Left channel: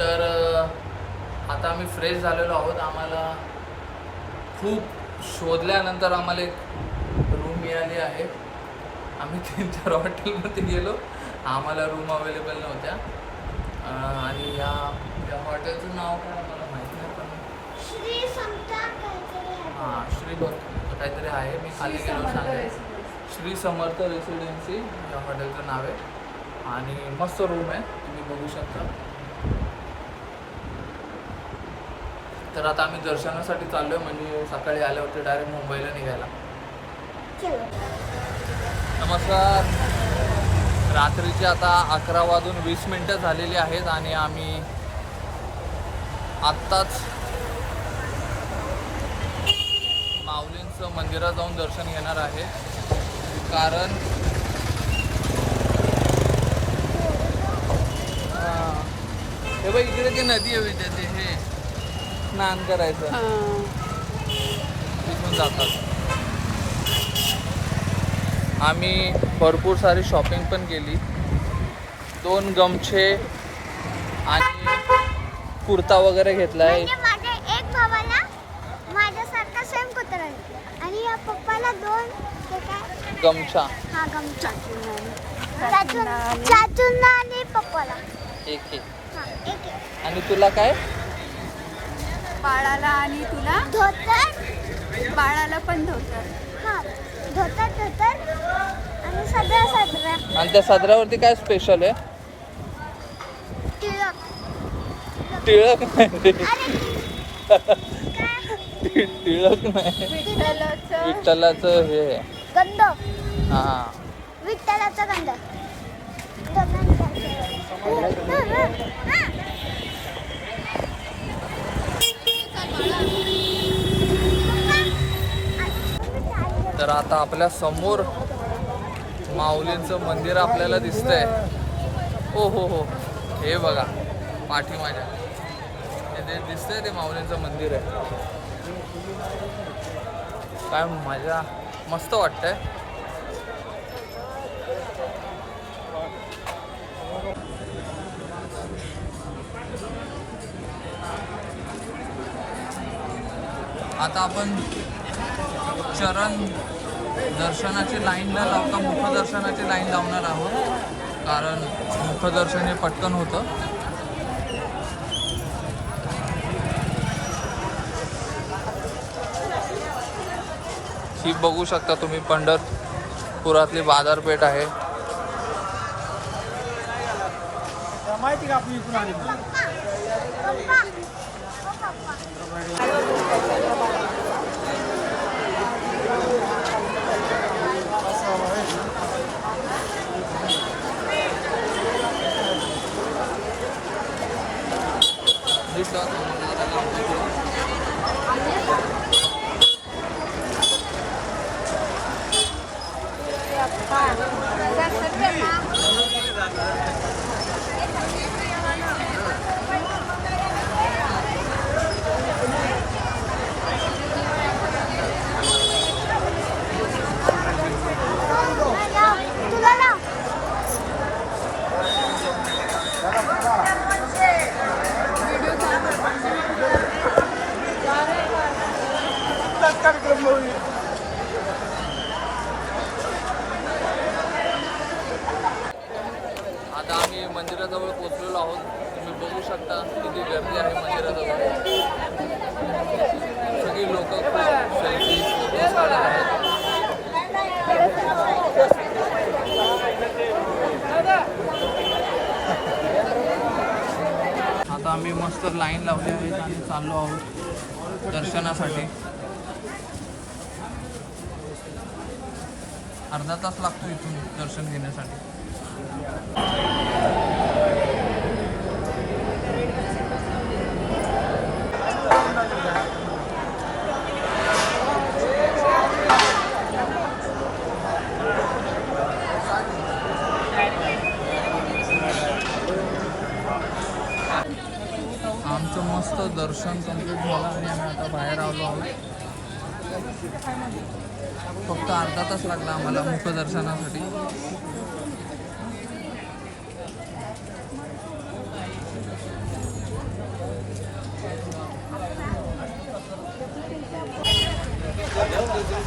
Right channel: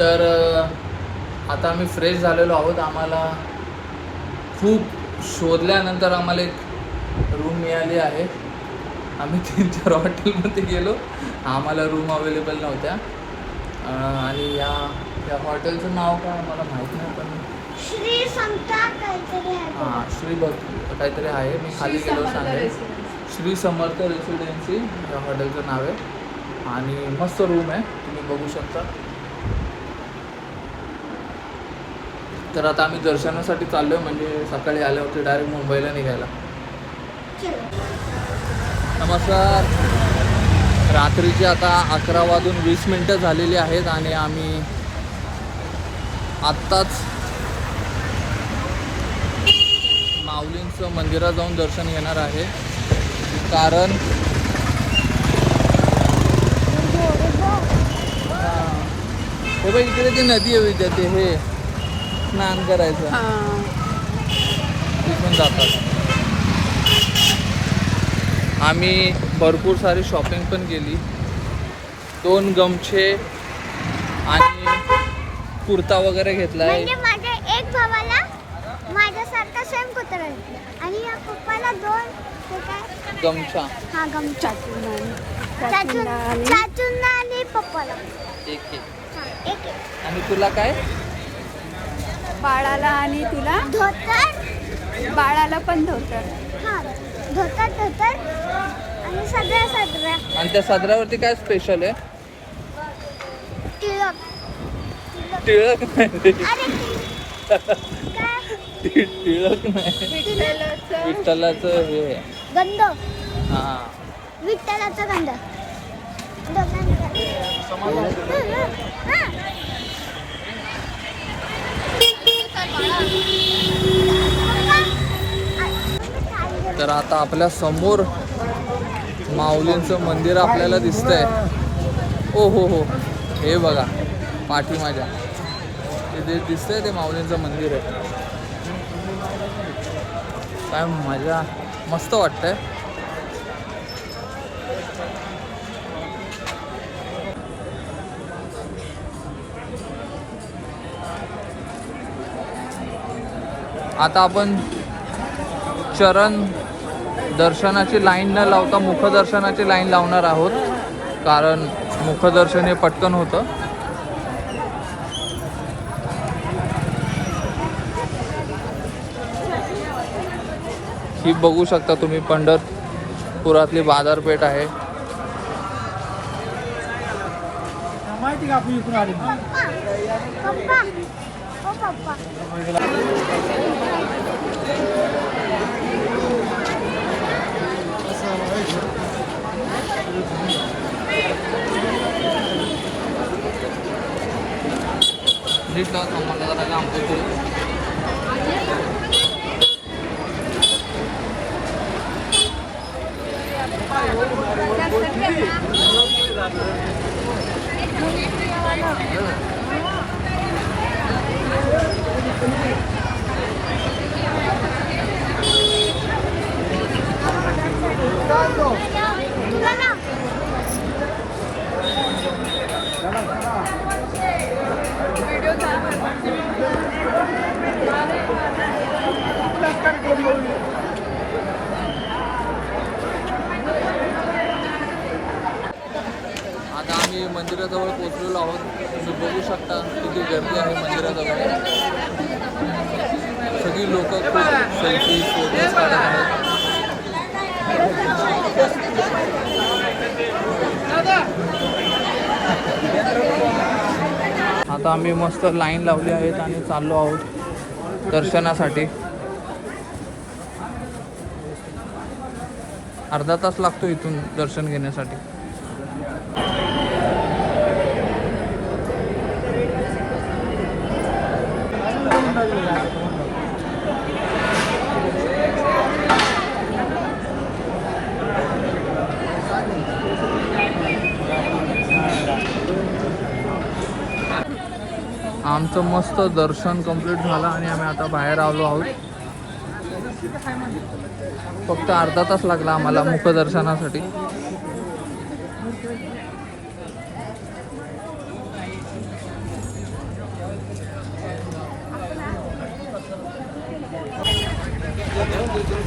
तर आता आम्ही फ्रेश झालेलो आहोत. आम्हाला खूप शोधल्यानंतर आम्हाला एक रूम मिळाली आहे. आम्ही तीन चार हॉटेलमध्ये गेलो. आम्हाला रूम अवेलेबल नव्हत्या. आणि या या हॉटेलचं नाव काय मला माहीत नाही पण. हां श्री भक्त काहीतरी आहे. मी खाली गेलो सांगेल श्री समर्थ रेसिडेन्सी या हॉटेलचं नाव आहे. आणि मस्त रूम आहे. तुम्ही बघू शकता. तर आता आम्ही दर्शनासाठी चाललो आहे म्हणजे सकाळी आल्यावरती डायरेक्ट मुंबईला निघायला. नमस्कार. रात्रीचे आता अकरा वाजून वीस मिनटं झालेली आहेत आणि आम्ही आत्ताच माऊलींचं मंदिरात जाऊन दर्शन घेणार आहे. कारण हो बाई इकडे ती नदी आहे विद्या ते हे. स्नान करायचं. तिथून जातात. आम्ही भरपूर सारी शॉपिंग पण केली. दोन गमछे आणि कुर्ता वगैरे घेतला म्हणजे माझ्या एक भावाला माझ्यासारखा सेम कुत्रा घेतला. आणि या पप्पाला दोन ते काय गमछा. हा गमछा. चाचून आणि पप्पाला. हा एक एक. आणि तुला काय? बाळाला आणि तुला? धोतर. बाळाला पण धोतर. हा धोतर धोतर. आणि सगळ्या सगळ्या आणि त्या सदरावरती काय स्पेशल आहे? टिळक. टिळक नाही. अरे टिळक. नाही. विठ्ठलाचं. विठ्ठलाचं हे. आहे. गंध. हा. विठ्ठलाचा गंध. हा. तर आता आपल्यासमोर माऊलींचं मंदिर आपल्याला दिसतंय. ओ हो हो. हे बघा पाठी माझ्या. ते दिसतंय ते माऊलींचं मंदिर आहे. काय मजा मस्त वाटतंय. आता आपण चरण दर्शनाची लाईन न लावता मुखदर्शनाची लाईन लावणार आहोत. कारण मुखदर्शन हे पटकन होतं. ही बघू शकता तुम्ही पंढरपुरातली बाजारपेठ आहे. माहिती का आपली इकडून आली पप्पा पप्पा ओ पप्पा तुला ना आता आम्ही मंदिराजवळ पोहोचलेलो आहोत तुम्ही बघू शकता किती गर्दी आहे मंदिराजवळ सगळी लोक खूप सेल्फी फोटोज काढत आहेत. आता आम्ही मस्त लाईन लावली आहेत आणि चाललो आहोत दर्शनासाठी. अर्धा तास लागतो इथून दर्शन घेण्यासाठी. आमचं मस्त दर्शन कंप्लीट झालं आणि आम्ही आता बाहेर आलो आहोत. फक्त अर्धा तास लागला आम्हाला मुखदर्शनासाठी.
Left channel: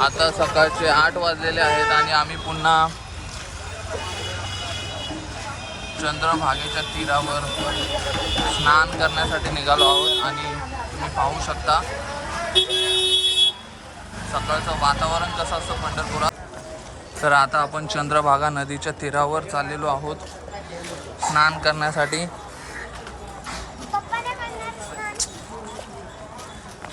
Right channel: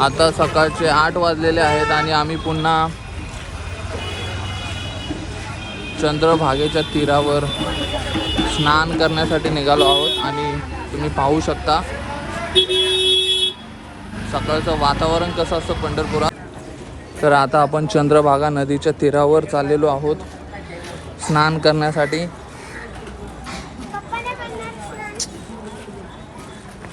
आता सकाळचे आठ वाजलेले आहेत आणि आम्ही पुन्हा चंद्रभागेच्या तीरावर स्नान करण्यासाठी निघालो आहोत आणि तुम्ही पाहू शकता. सकाळचं वातावरण कसं असतं पंढरपुरात? तर आता आपण चंद्रभागा नदीच्या तीरावर चाललेलो आहोत. स्नान करण्यासाठी.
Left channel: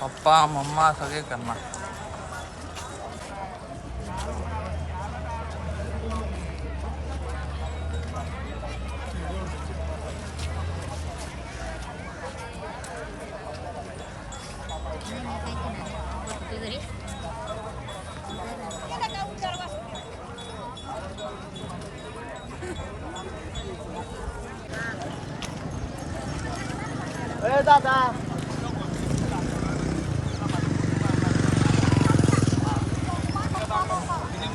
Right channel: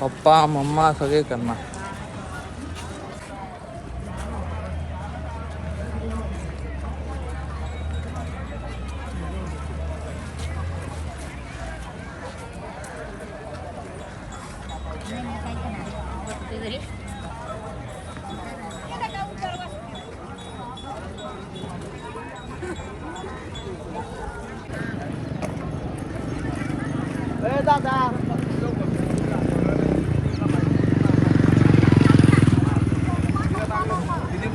पप्पा मम्मा सगळे करणार किती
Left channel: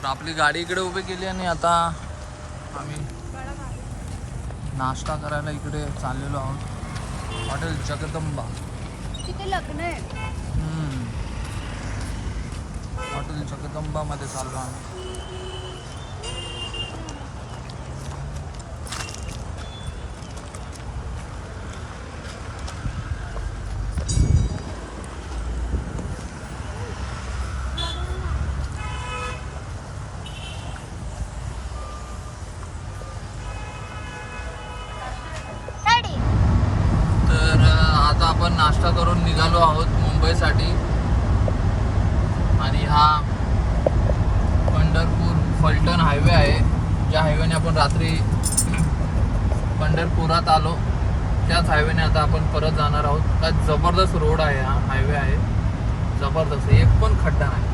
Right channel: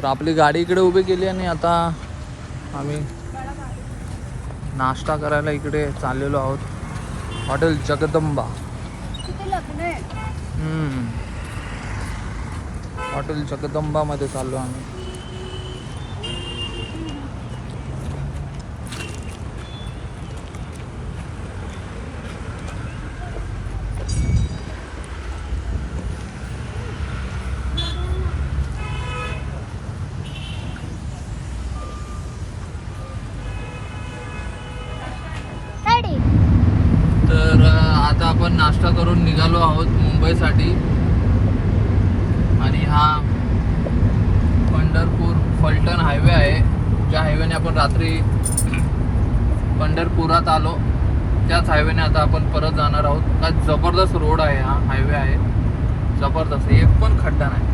तर आपली गाडी इकडे उभी केली आणि आता आम्ही नाश्ता करायला इकडे चाललेलो आहोत. हॉटेल जगदंबा. हॉटेल जगदंबामध्ये चाललो आम्ही Ready? तर अ, आता आपण नाश्ता करून निघालो आहोत मुंबईसाठी आणि हा पंढरपूर फलटण हायवे आहे ज्या हायवेने आपण रात्री पंढरपुरात आलो. त्याच हायवेने आता आपण परत जाणार आहोत. जबरदस्त रोड आहे हा हायवे आहे. जबरदस्त एक पण खड्डा नाही.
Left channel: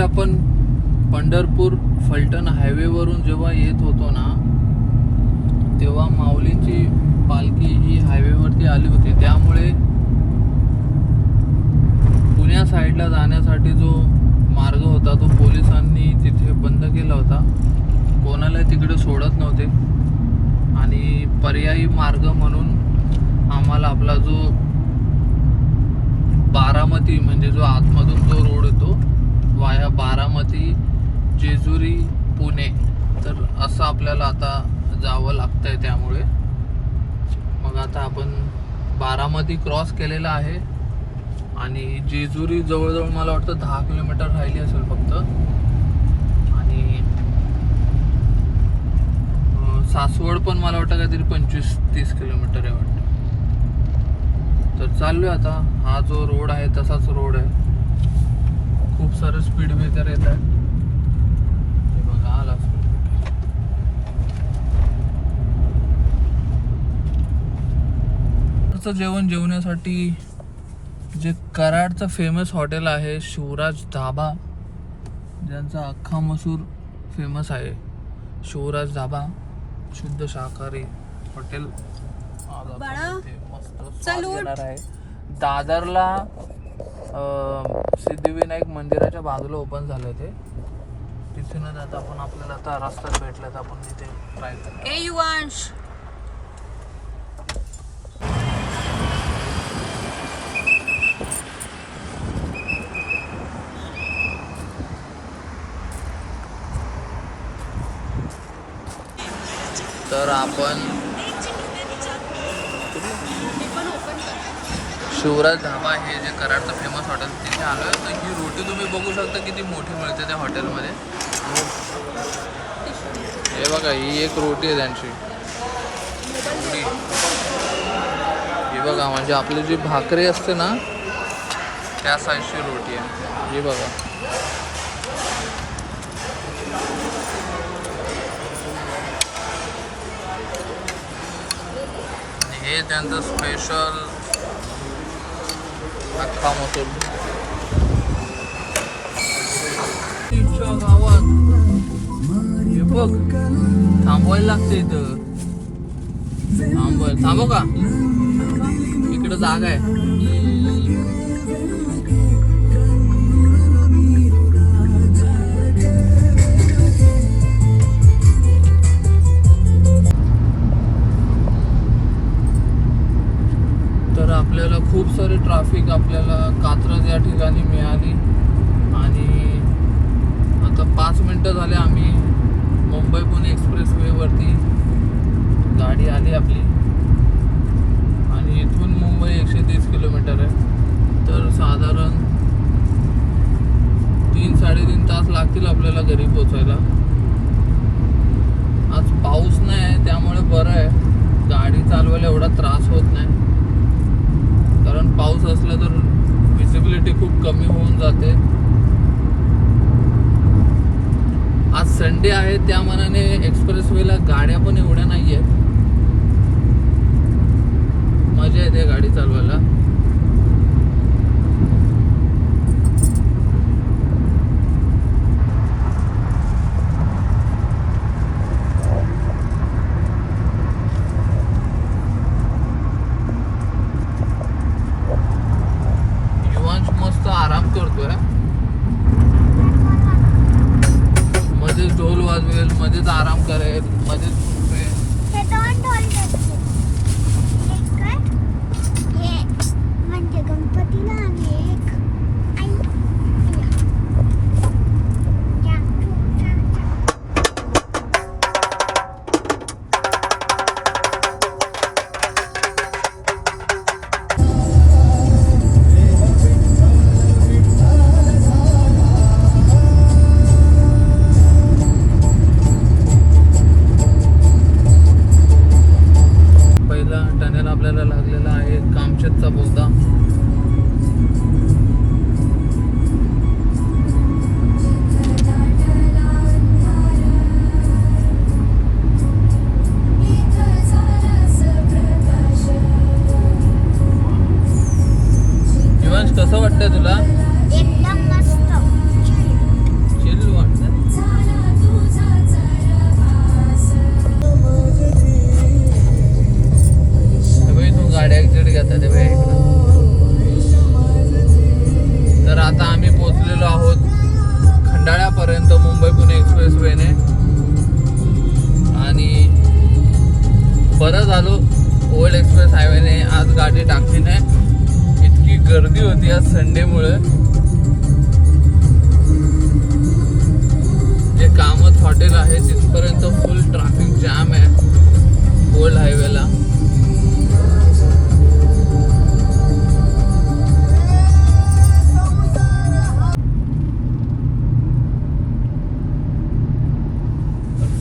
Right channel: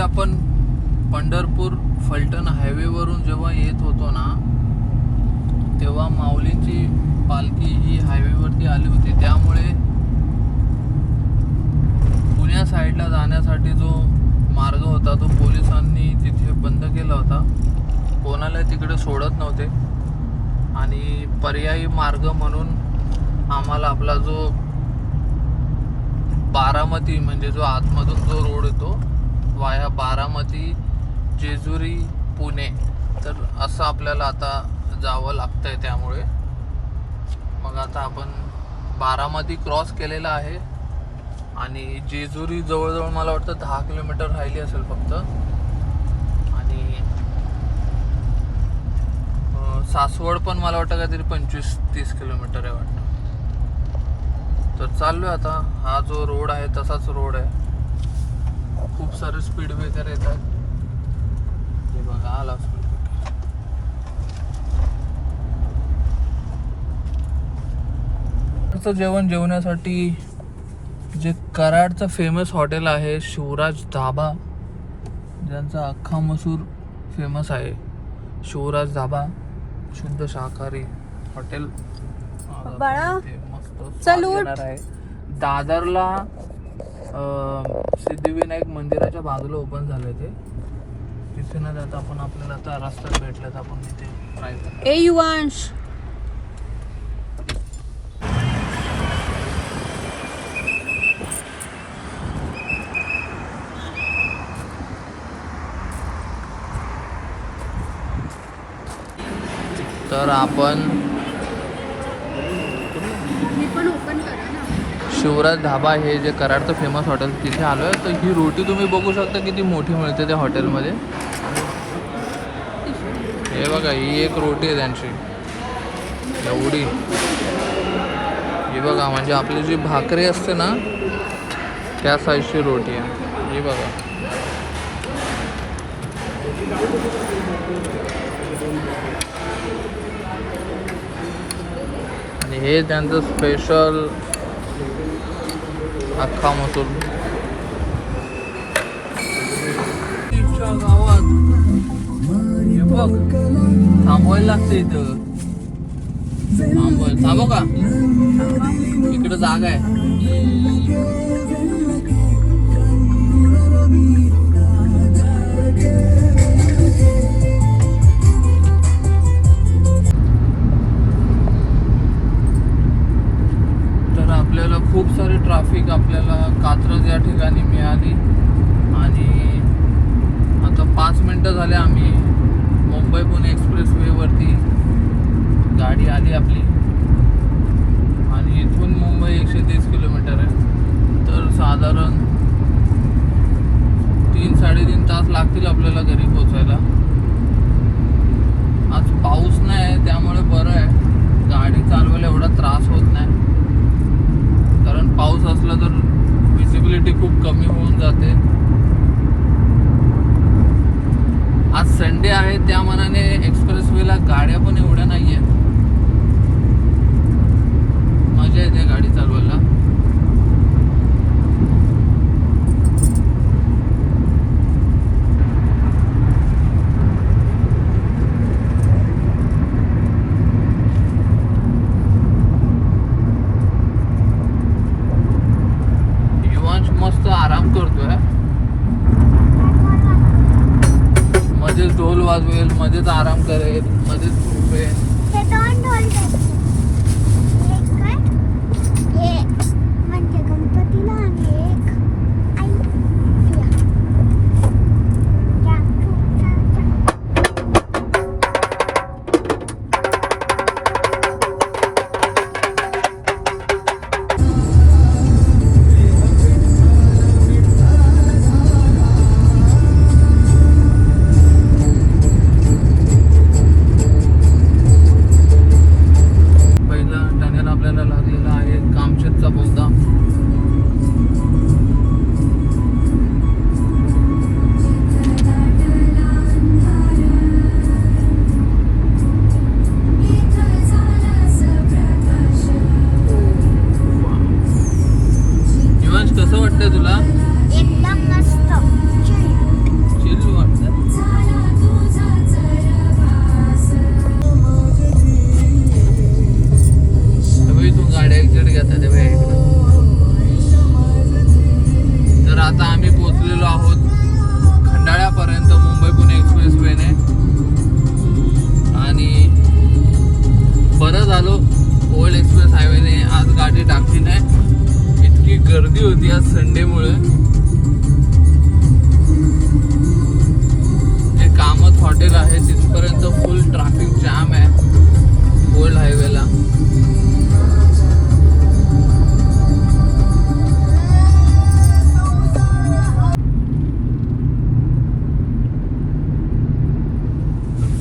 आपण पंढरपूर फलटण हायवेवरून जेव्हा येत होतो ना तेव्हा माऊलींची पालखी ही हायवेवरती आली होती. त्यामुळे पुण्या साईडला जाण्यासाठी जो मार्ग होता तो पोलिसांनी तिथे बंद केला होता. कोणाला तिकडे सोडत नव्हते. आणि पर्यायी मार्ग म्हणून आम्हाला आपला जो बारामती म्हणजे जो आतमधून जो रोड वाया बारामती जेजुरी पुणे. तर असं आपल्याला आता जावं लागतंय त्यामुळे. मग आता आपण बारामती क्रॉस केलेला आहे. आणि जेजुरी जवळजवळ मला वाटतं दहा किलोमीटर राहिली असेल फक्त. आणि सासवड पण मला वाटतं काहीतरी पंचवीस तीस किलोमीटर आहे वाटतं. तर चाललो आता. हा जो रोड आहे तसाच रोड आहे. खूप सारे स्पीड ब्रेकर येत आहे हे बघा, आला speed breaker. चं जेवण जेवण्यासाठी जे कराडचं फेमस हॉटेल आहे शिवराज धाबा ज्यांचा अख्खा मसूर फेमस आहे शिवराज धाबा शुद्ध शाकाहारी हॉटेल दादरला सिद्धिविनायक मंदिराच्या बाजूला ओपन झालं ते. तिथे न जाता आपण आपल्याला आता रस्ता भेटला तर आपण तिथे ए युवांश! शिवराज धाबा हे जे कराडचं फेमस हॉटेल तिथे आलो आहे तर ही रोटी तुम्ही बघू शकता किती मोठी मिळते त्या हॉटेलमध्ये बघा, ही एक रोटी त्यांची एवढी. बघा म्हणजे आपली जी भाकरी असते ना त्या साईजची रोटी. आणि हे त्यांचं स्पेशल अख्खा मसूर इथच्या गावात हे बघ थांबवायला लागतं इथं थांबवाय थांबव का इकडं जागा आहे खूप सारे ट्रॅफिक आपल्याला कात्रज या ठिकाणी मिळाली. आणि आता पाच मिनटं झाले आम्ही मुंबई पुणे एक्सप्रेस वेवरती गाडी आली आपली. आणि इथून मुंबई एकशे तीस किलोमीटर आहे. तर साधारण तीन साडेतीन तास लागतील आपल्याला घरी पोचायला आज पाऊस नाही आहे त्यामुळे बरं आहे. गाडी चालवायला एवढा त्रास होत वाटतंय तुला? एकदम मस्त. चिल वाटतं ते इकडं. तर आता आम्ही पोचलेलो आहोत खंडाळ्यापर्यंत मुंबई पुणे एक्सप्रेस वेने. आणि बरं झालो ओल्ड एक्सप्रेस हायवेने आज गाडी टाकली नाही. गर्दी होती आज संडेमुळे. जे कामत हॉटेल आहे तिथपर्यंत फुल ट्रॅफिक जाम आहे. गोल्ड हायवेला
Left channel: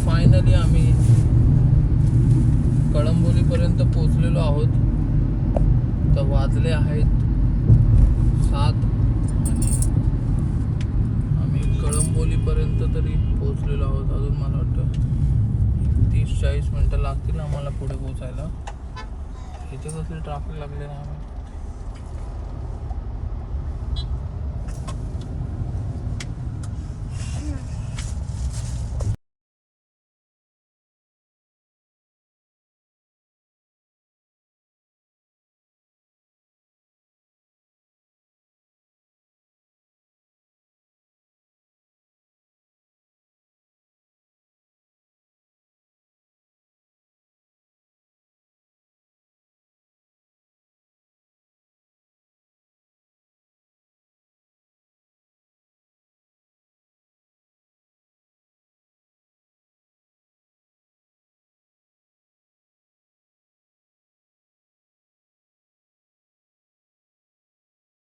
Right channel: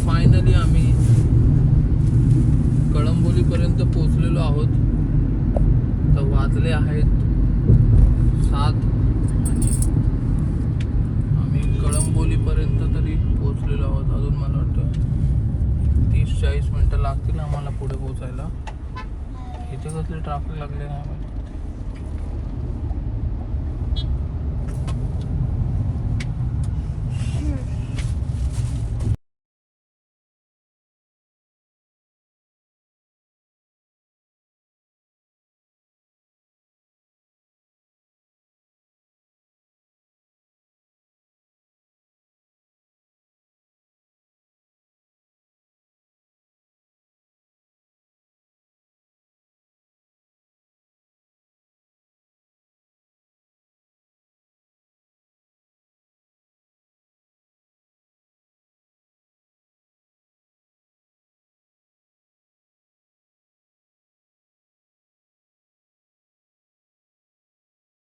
फायनली आम्ही कळंबोलीपर्यंत पोचलेलो आहोत. तर वाजले आहेत